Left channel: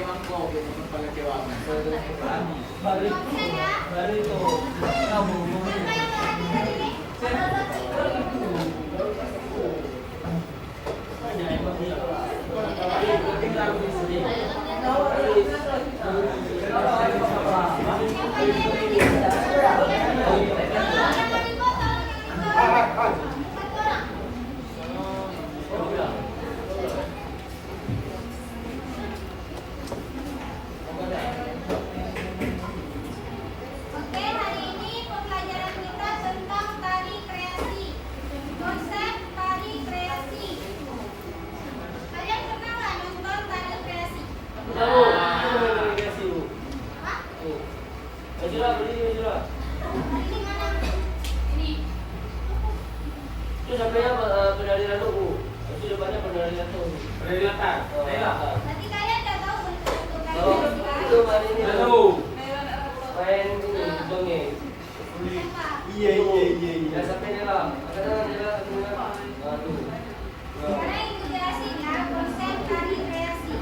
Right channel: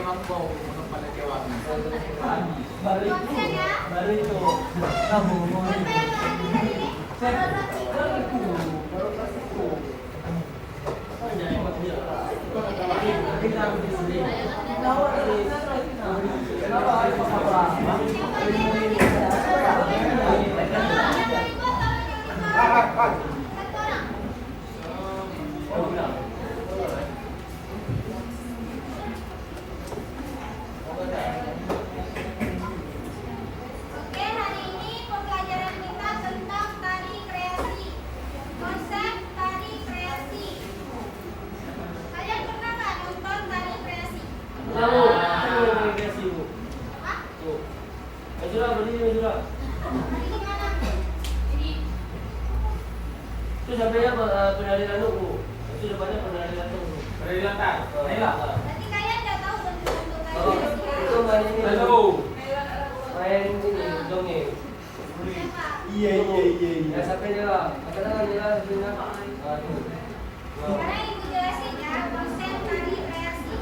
pakai mangkok gitu kepala jawabnya. Balik itu kamu mau itu sampai apa penarian lu? Itu depannya penarian tuh. Penarian kan? Nanti kalian nggak tahu Oh, itu main ini. Tahu. Main ini dongeng. Iya. Ya sampai nyerah. Apa nyerah? Aduh. Sekarang ibu jelasin ya konsep tari kreasi.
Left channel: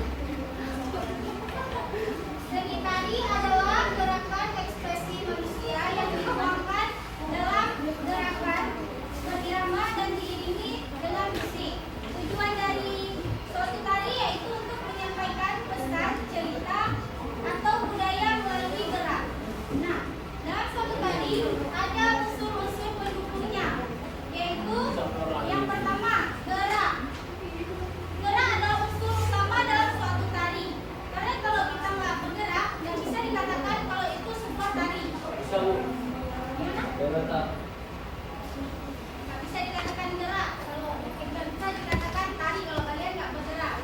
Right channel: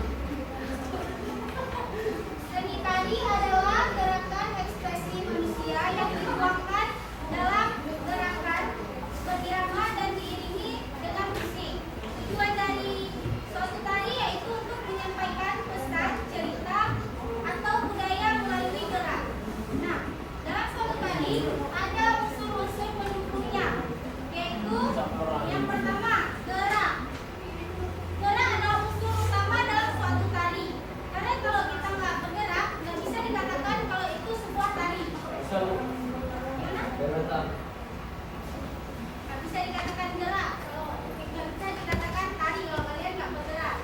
Seni tari adalah gerakan ekspresi manusia yang dikembangkan dalam gerakan irama dan diiringi dengan musik. Tujuan dari suatu tari yaitu untuk menyampaikan pesan, cerita, atau budaya melalui gerak. Nah, dalam suatu tari ada unsur-unsur pendukungnya, yaitu yang pertama gerak. Gerak adalah unsur utama dalam suatu tari. Karena kalau kita nggak bergerak, nggak bisa dikatakan kalau itu sebuah tari. Gimana? Nggak bisa dikatakan gerak, kalau nggak bisa dikatakan tari kalau kalian nggak bergerak.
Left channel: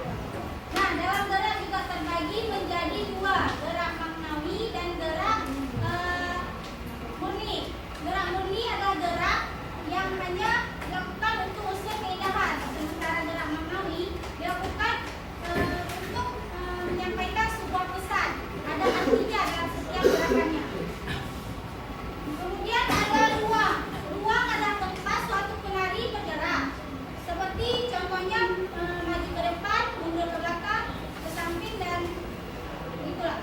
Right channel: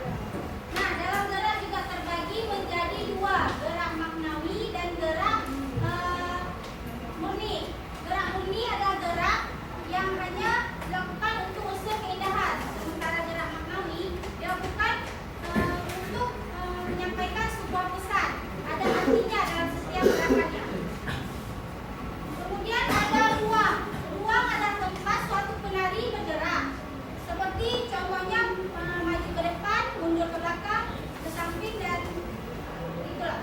Nah, dalam gerak juga terbagi menjadi dua, gerak maknawi dan gerak murni. Gerak murni adalah gerak yang hanya dilakukan untuk unsur keindahan, sementara gerak maknawi dilakukan untuk menyampaikan sebuah pesan. Ada artinya dalam setiap gerakannya. Kemudian ada ruang. Ruang adalah tempat suatu penari bergerak. Seperti contohnya maju ke depan, mundur ke belakang, ke samping dan itulah.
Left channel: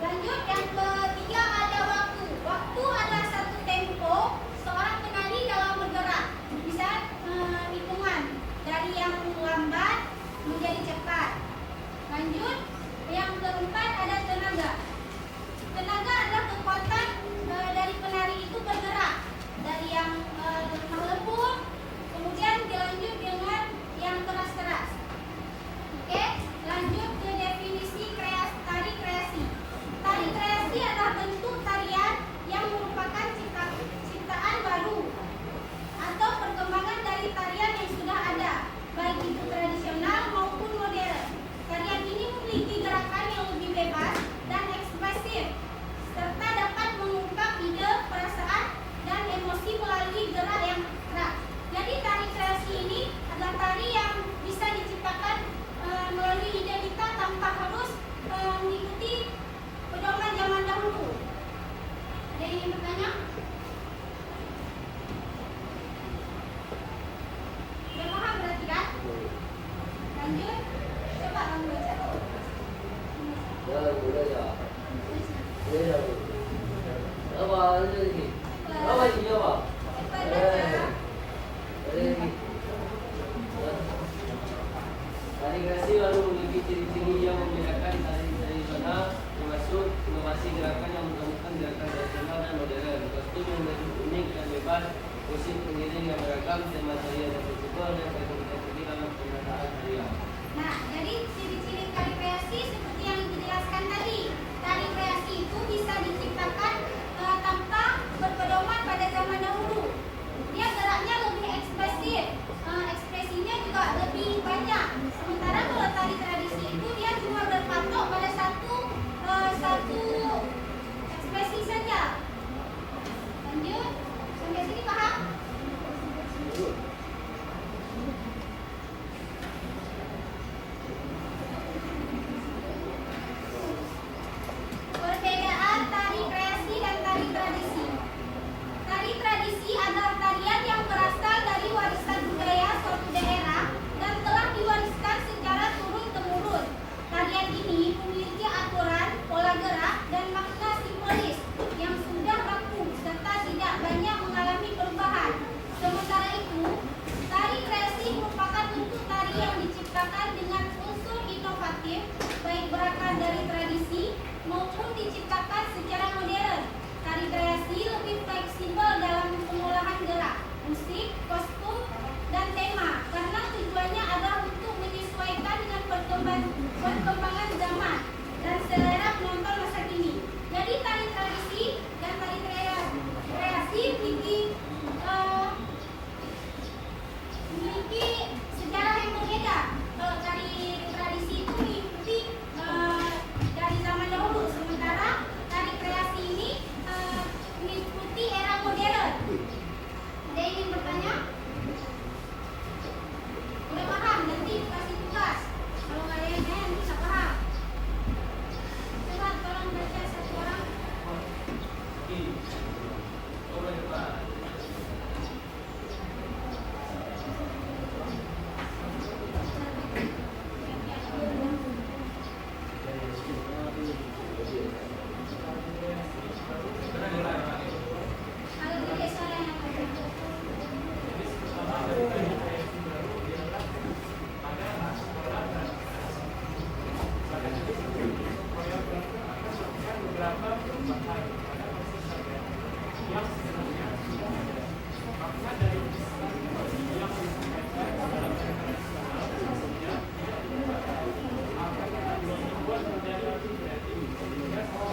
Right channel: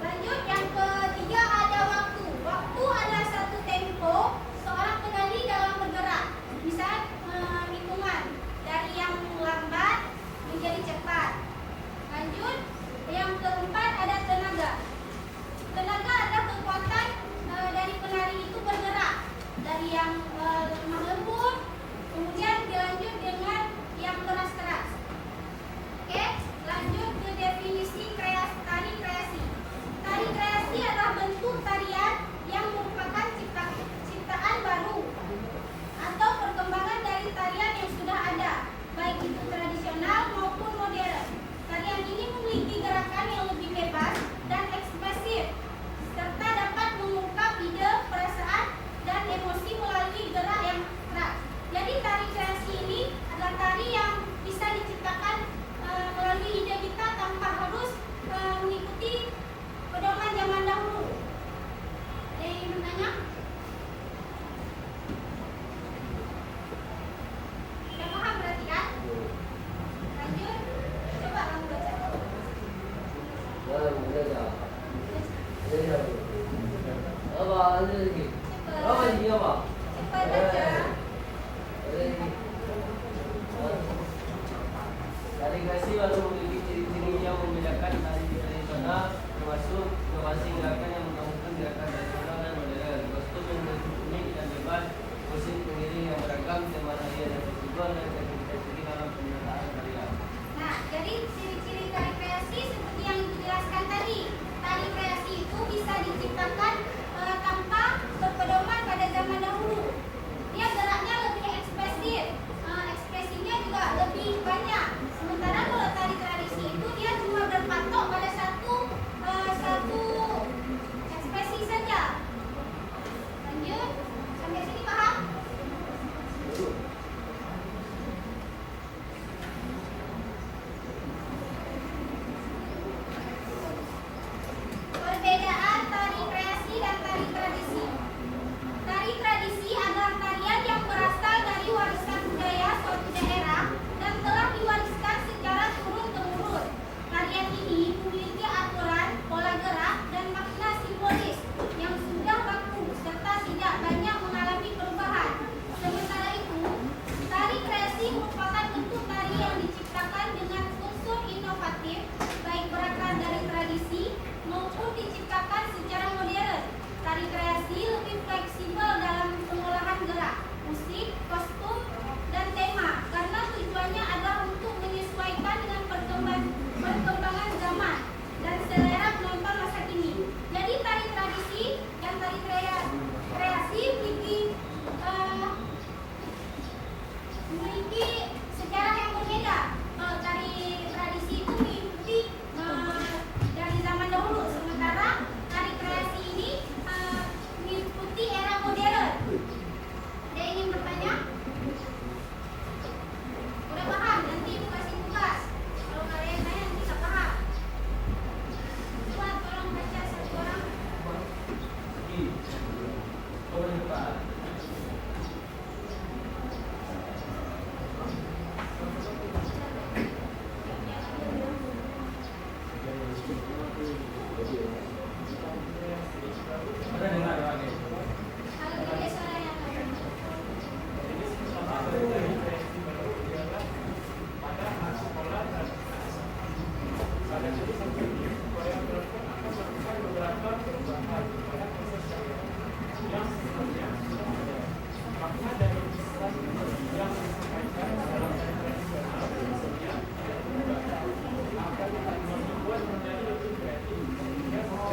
Lanjut yang ketiga ada waktu. Waktu adalah satu tempo seorang penari dalam bergerak. Bisa hitungan dari yang lambat menjadi cepat. Lanjut yang keempat ada tenaga. Tenaga adalah kekuatan dari penari itu bergerak dari yang lemah lembut, kemudian dilanjut dengan yang keras-keras. Oke, lanjut ke definisi tari kreasi. Tari kreasi adalah bentuk tarian yang merupakan ciptaan baru atau perkembangan dari tarian yang sudah ada, baik itu tradisional maupun modern. Tarian ini memiliki gerakan yang lebih bebas dan ekspresif, serta dapat mengungkap ide, perasaan, dan emosi melalui gerak yang keras. Jadi tari kreasi ini adalah tari yang bisa diciptakan melalui ide kita tanpa harus mengikuti pedoman zaman dahulu. Ada yang ingin bertanya? Sudah paham berarti kan? Lanjut, coba kamu baca. Ya, udah ya. Ya. Apa lagi? Apa lagi apa? Cepat baca. Tari kreasi lalu memiliki ciri-ciri yang membedakan tari tradisional, termasuk inovasi gerakan yang menggabungkan gerakan tradisional dan modern, kostum yang lebih unik dan bebas, musik pengiring yang beragam, tema tarian yang berbeda, dan teknik-teknik dalam penyertaan tarian. Nah, jadi ciri-ciri tari kreasi seperti yang dijelaskan tadi. Tari kreasi itu bisa diciptakan tanpa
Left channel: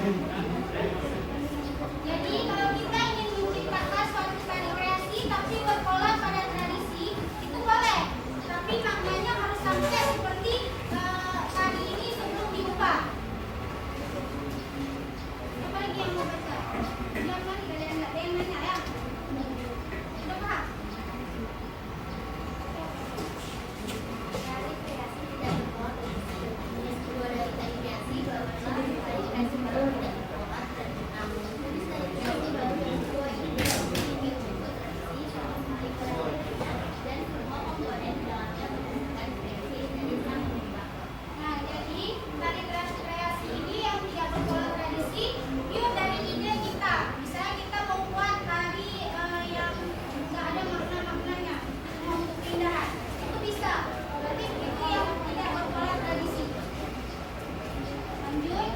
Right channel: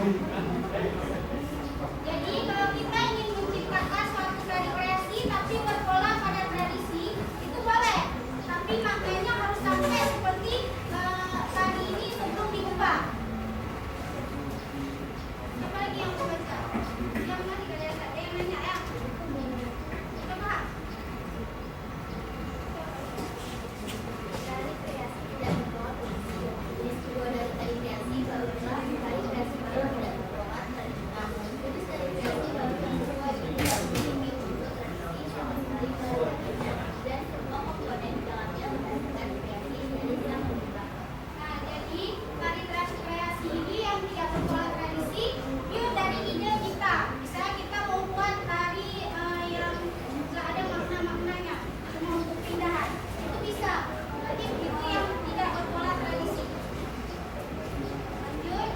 Jadi kalau kita ingin menciptakan suatu tari kreasi tapi berpola pada tradisi, itu boleh. Tapi maknanya harus sampai seperti tari ini sebelum diubah. Apa lagi yang mau baca? Yang mana tidak ada yang nanya ya? Sudah Kak? Nah, jadi tari kreasi ini yang tidak berpola tradisi, itu dari ide kita. Misalnya kita mau buat tari yang nggak ada makna-maknanya, mau keindahan, itu bisa. Berarti itu yang tidak berpola tradisi. Lanjut.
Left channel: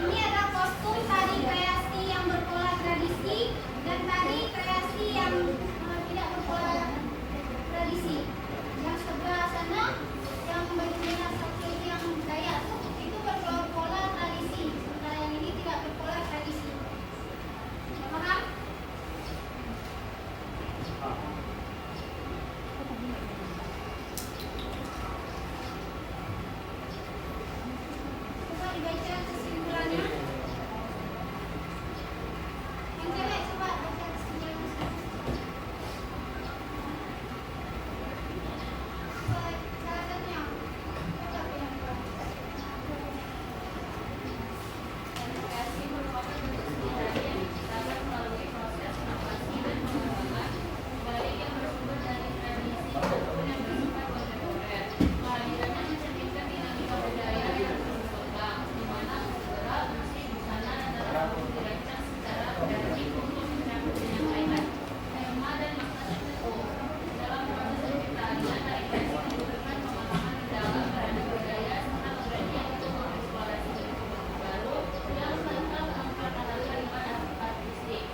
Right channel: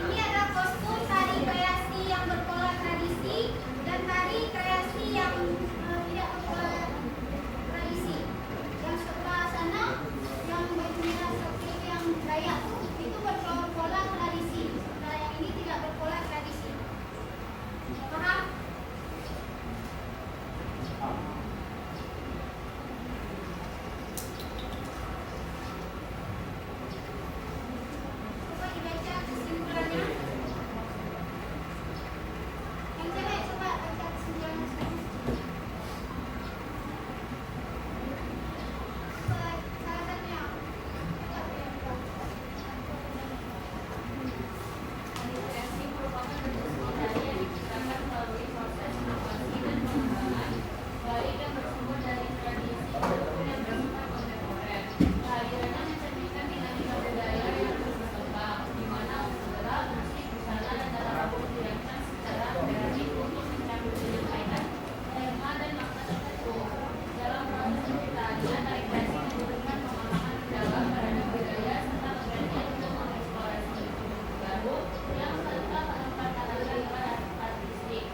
Ini ada kostum tari kreasi yang berpola tradisi dan tari kreasi yang tidak berpola tradisi. Yang sebelah sana, yang bajunya pakai yang Dayak itu berpola tradisi. Sementara yang ini tidak berpola tradisi. Paham? Coba dibaca kesimpulannya. Yang cewek coba baca kesimpulannya. Salah satunya. Coba yang kedua. Tari kreasi merupakan bentuk seni tari yang diciptakan melalui proses adaptasi dan pengembangan, baik yang bersumber dari tradisi maupun yang bersumber kontemporer. Kehadirannya mencerminkan dinamika budaya yang terus berkembang, di mana kultural, musik, busana, dan tata ruang dirancang secara kreatif untuk menyambut penyampaian tema dan makna tertentu. Dalam proses penciptaannya, tari kreasi memberikan pemahaman mendalam terhadap budaya serta berani untuk mengeksplorasi bentuk baru yang tanpa mempertahankan pada artistik.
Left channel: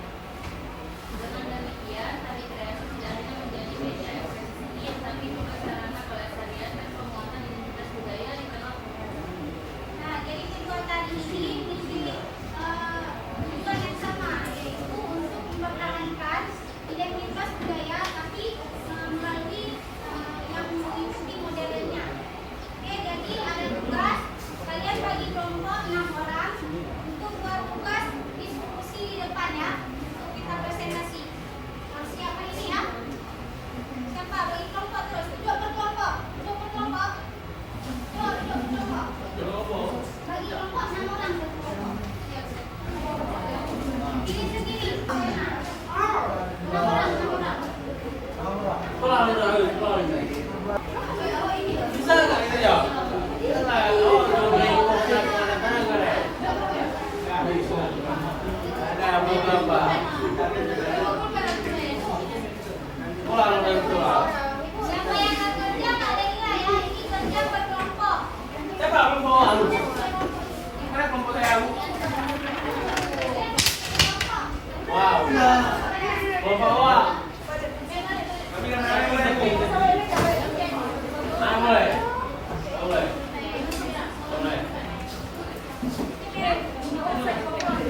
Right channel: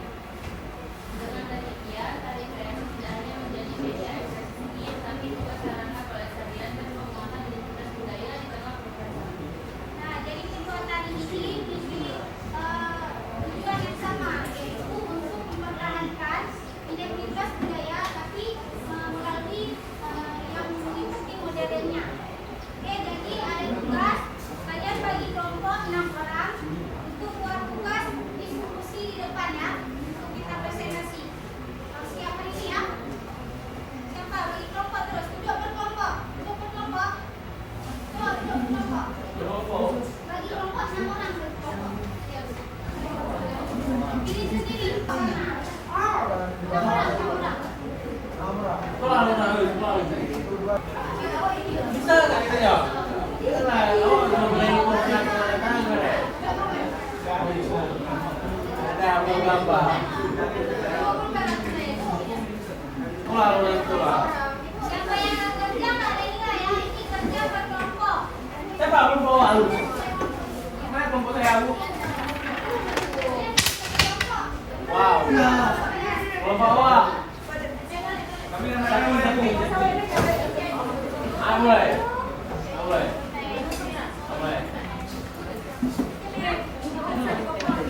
Dengan demikian, tari kreasi tidak hanya menjadi media ekspresi seni, tapi juga sarana pelestarian dan penguatan identitas budaya di tengah masyarakat. Nah, jadi simbol tadi ini memiliki tujuan yang sama, yaitu untuk mempertahankan identitas budaya, tapi melalui yang mengikuti modernnya. Oke, jadi ada tugas kalian bagi kelompok 6 orang untuk buat tugas diskusi di depan ya, untuk kita presentasi. Siapa ini ya? Siapa bagi kelompok terus? Duduk berkelompok. Coba duduk berkelompok. Bagi kelompok 6 orang berkelompok. Pilih sendiri. 6 orang. Oh, ini. Bisa nggak itu ya? Bisa lah. Oh, cuma beli ada berapa? Pulang orang tua. Siapa yang akan kerja nggak ada nilai ya? Ini kerja berkelompok. Saya baru bawa lu. Mana komputer aku? Wow. Bawa bawa. Tapi kan aku tapi. Boleh. Boleh. Boleh.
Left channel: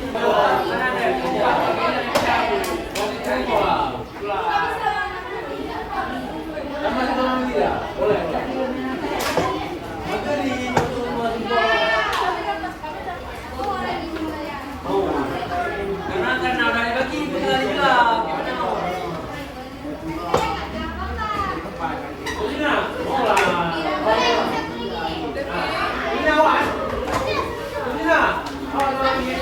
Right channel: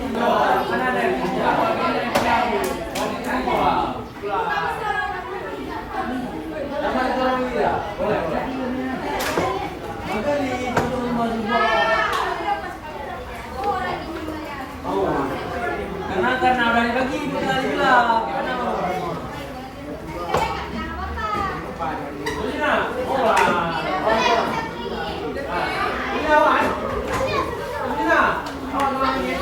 Mana ada? Sama orang dia. Boleh. Maju di rumah juga. Oh. Karena balik lagi itu tadi bilang. Gimana? Sini nak. Ini awak. Sini nak. Awak lagi.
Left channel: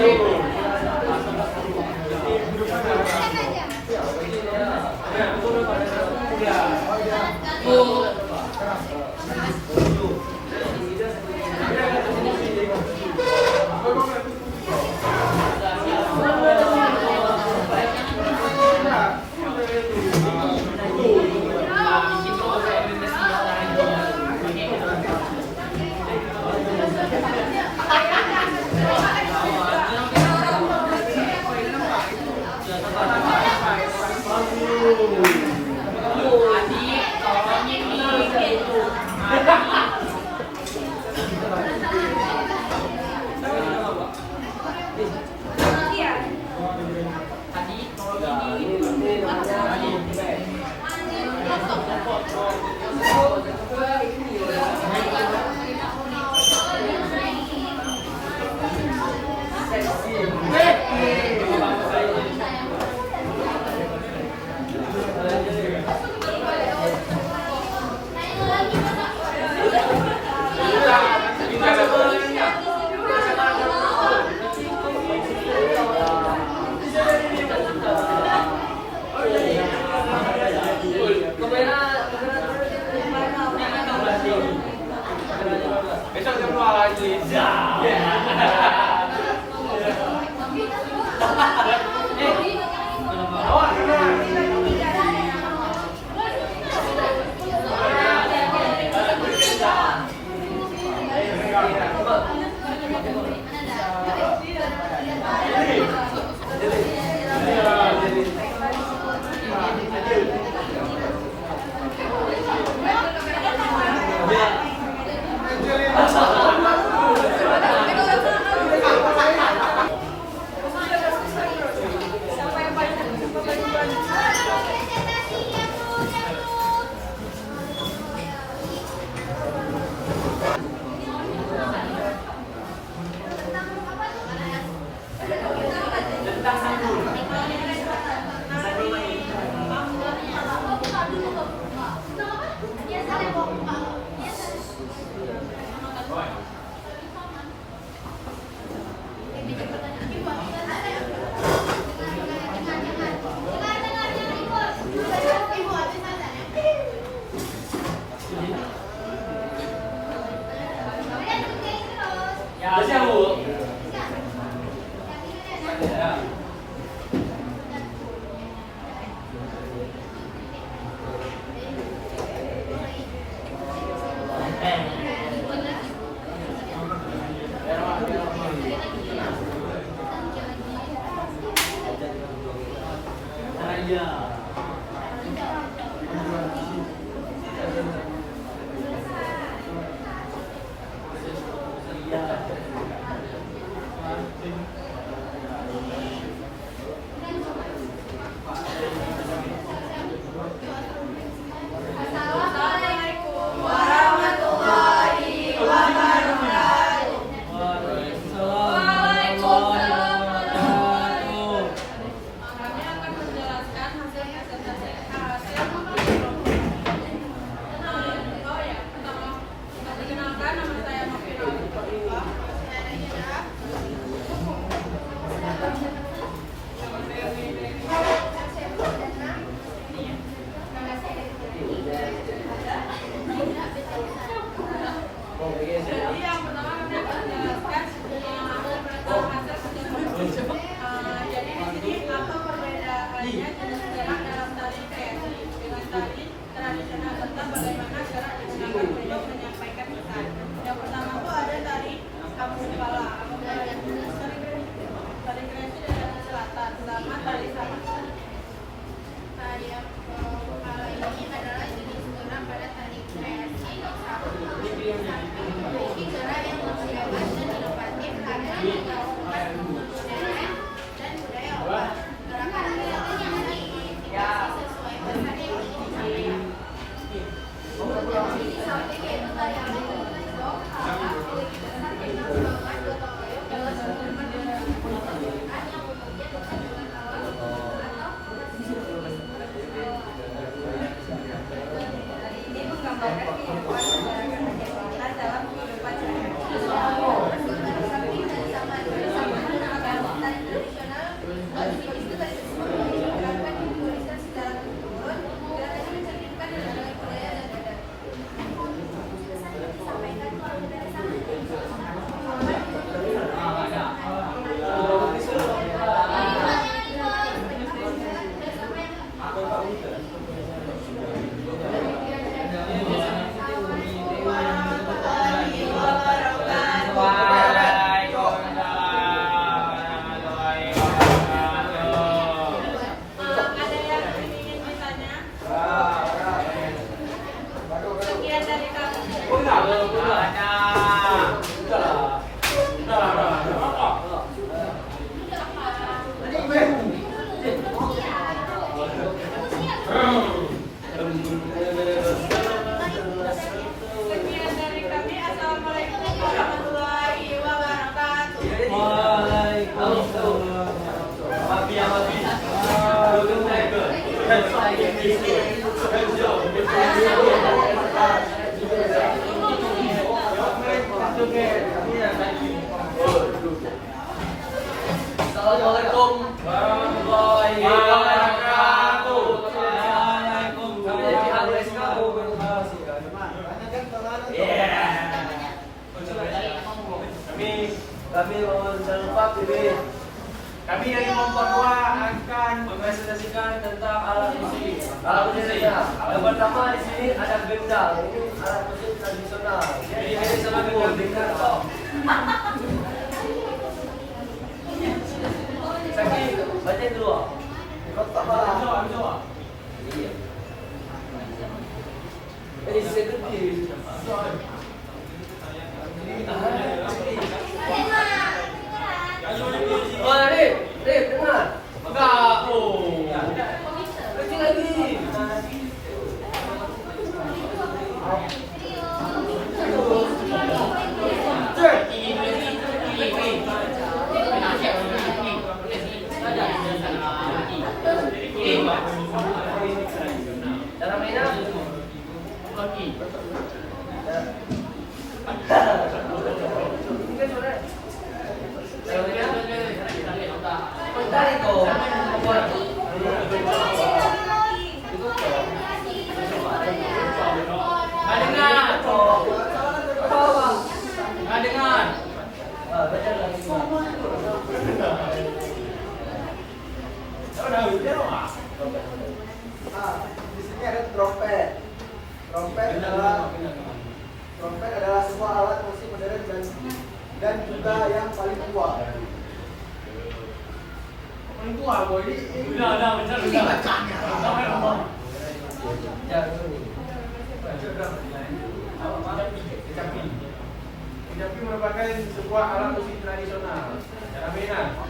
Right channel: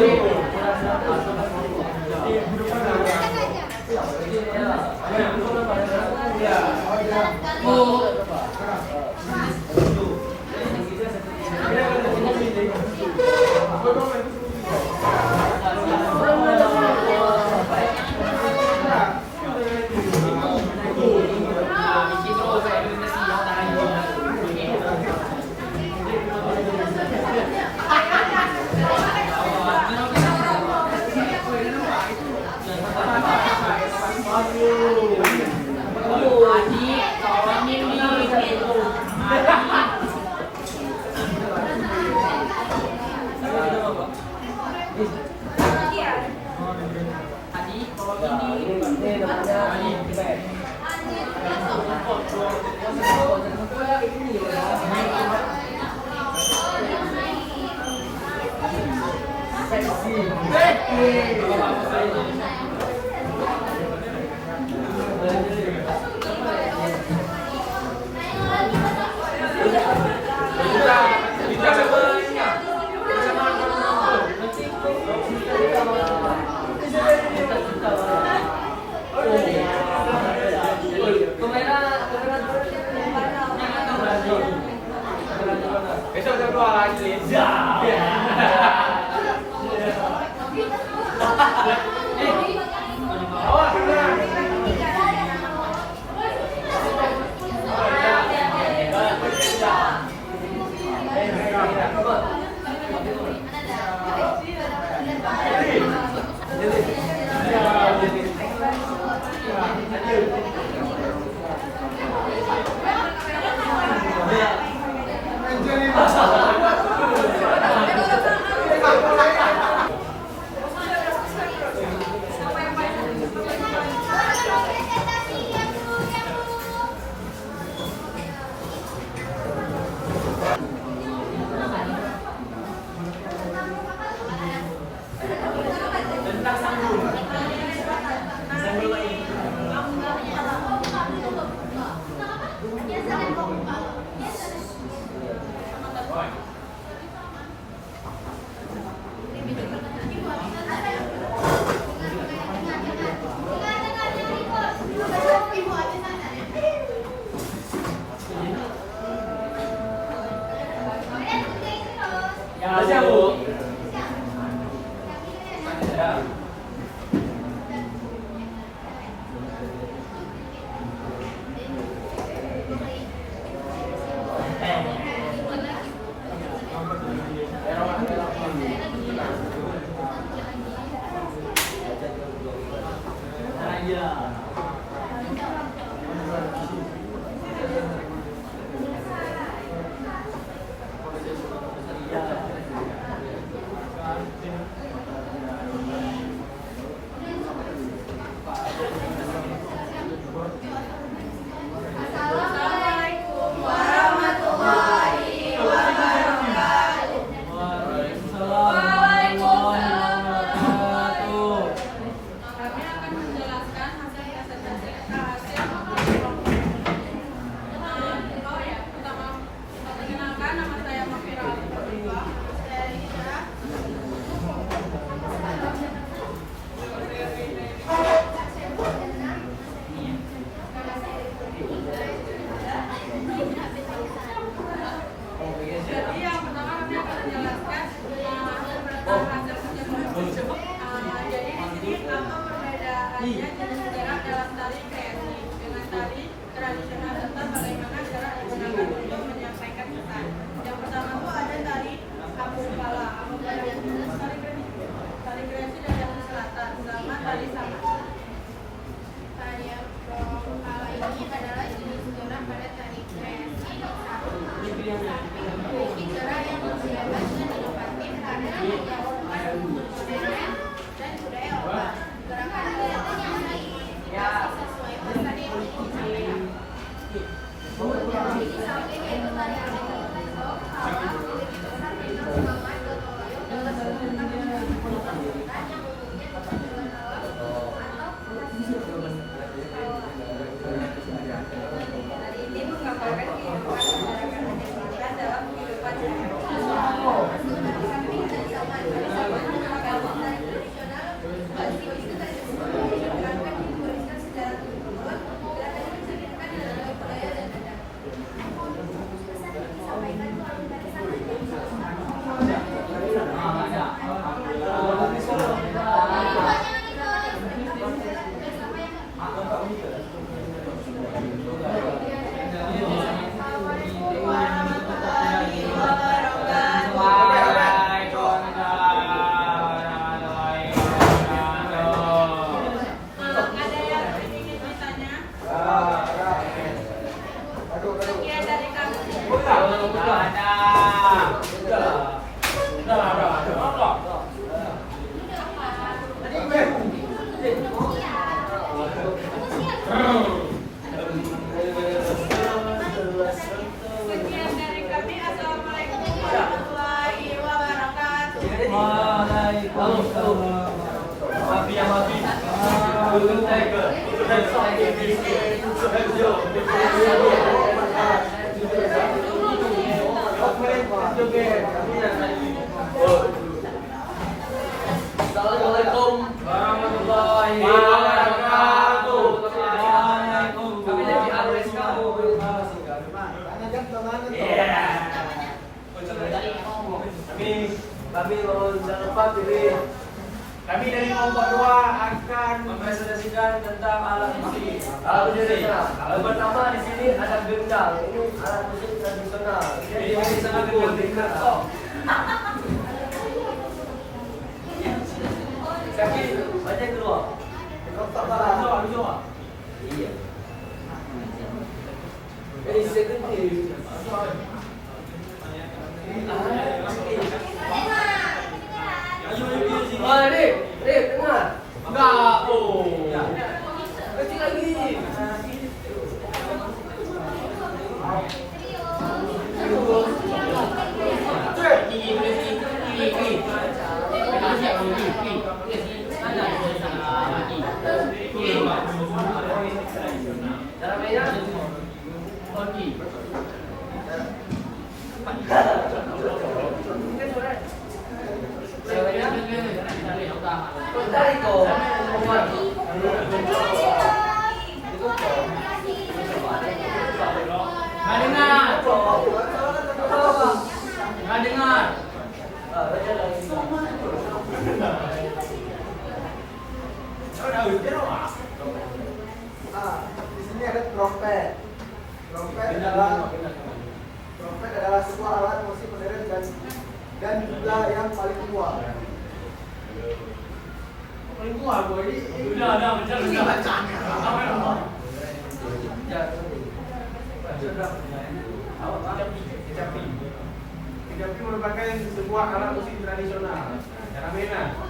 Besok jam 2 lagi. Awak Assalamualaikum warahmatullahi wabarakatuh. Kami dari ALSK. Kami jangan lupa pilih. Kami dari kelompok 2 akan Mempresentasikan tentang alat musik. Alat musik. Yang pertama di sini ada gendang. Ini alat musik tradisional. Jadi ini sama gendang. Oh. Saki, baca yang kedua. Kotak barang. Iya. Jadi security. Wah, Rik, dengar. enggak. Oh. Kecil lagi. Cara mainnya? Di sini ada trompet. Trompet adalah sebuah alat musik modern dan juga yang paling tua. Itu apa ini? Kecapi merupakan sebuah alat musik tradisional. Cara mainnya?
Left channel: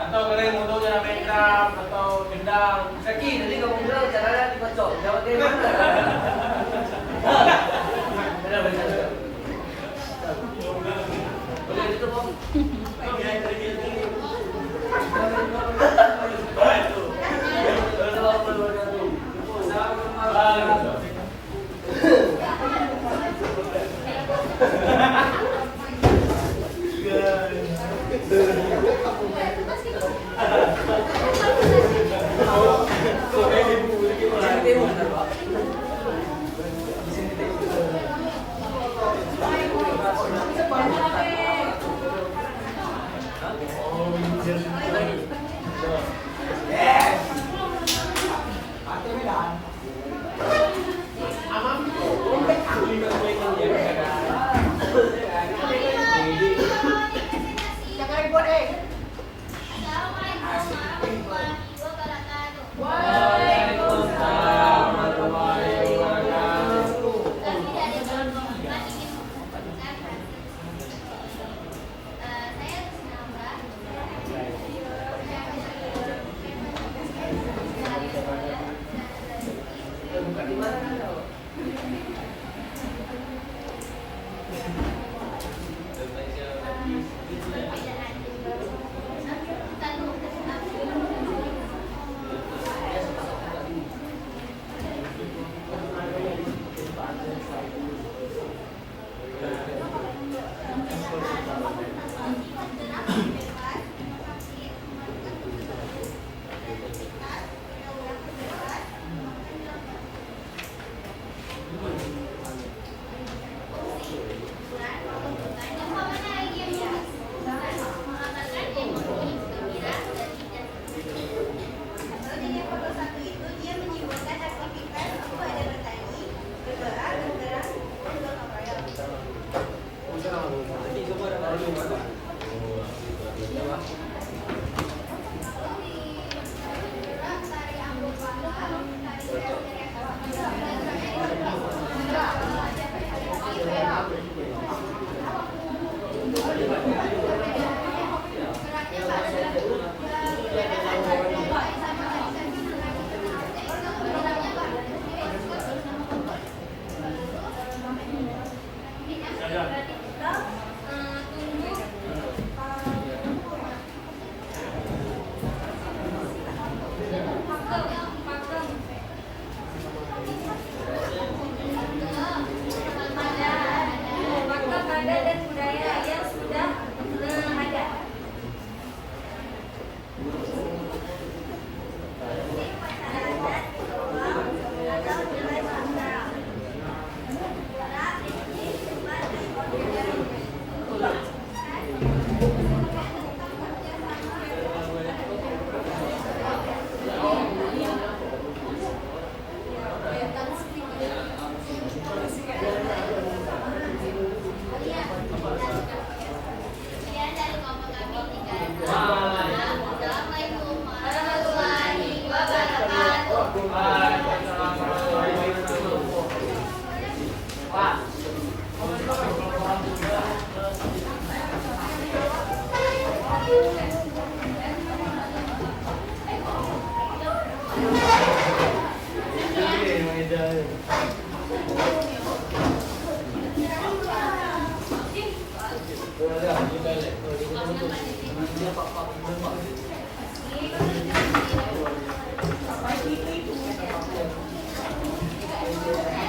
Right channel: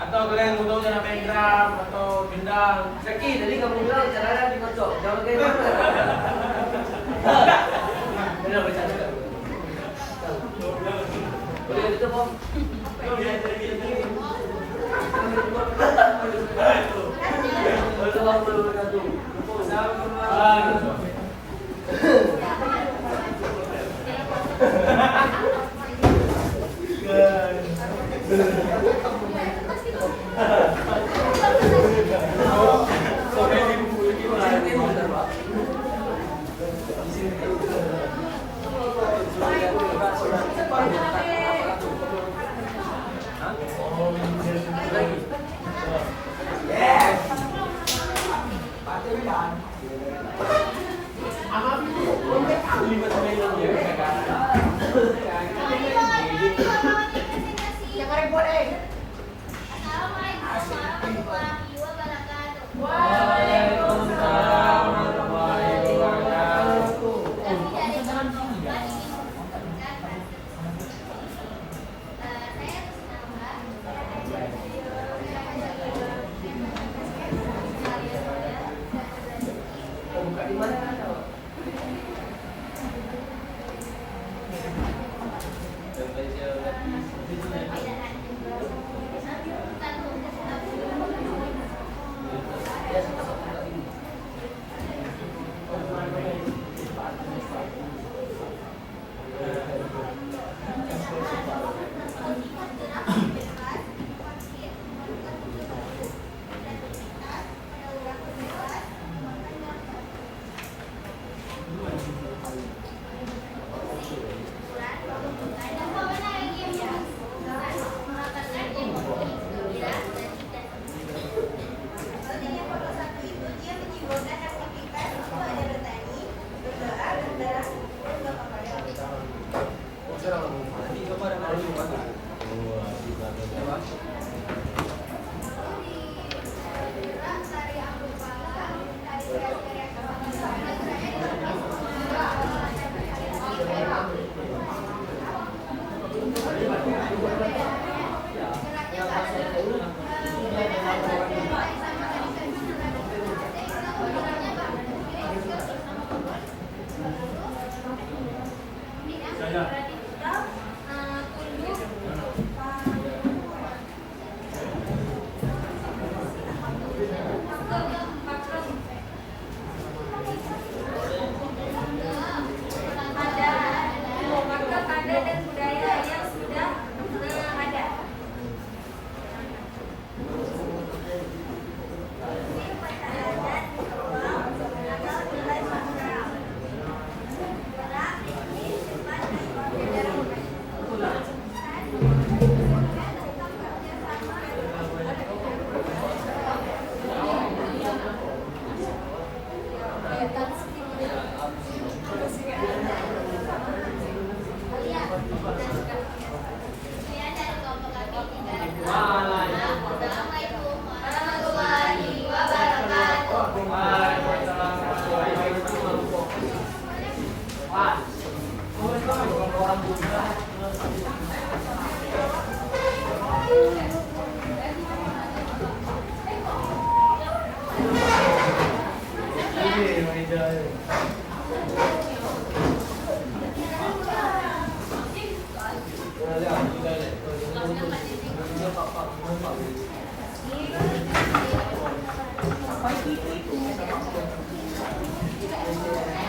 Atau kalian butuhnya main drum atau gendang. Saki, tadi kamu bilang caranya dikocok. Jangan kayak mana? Benar bercanda. Udah itu Om. Thank you.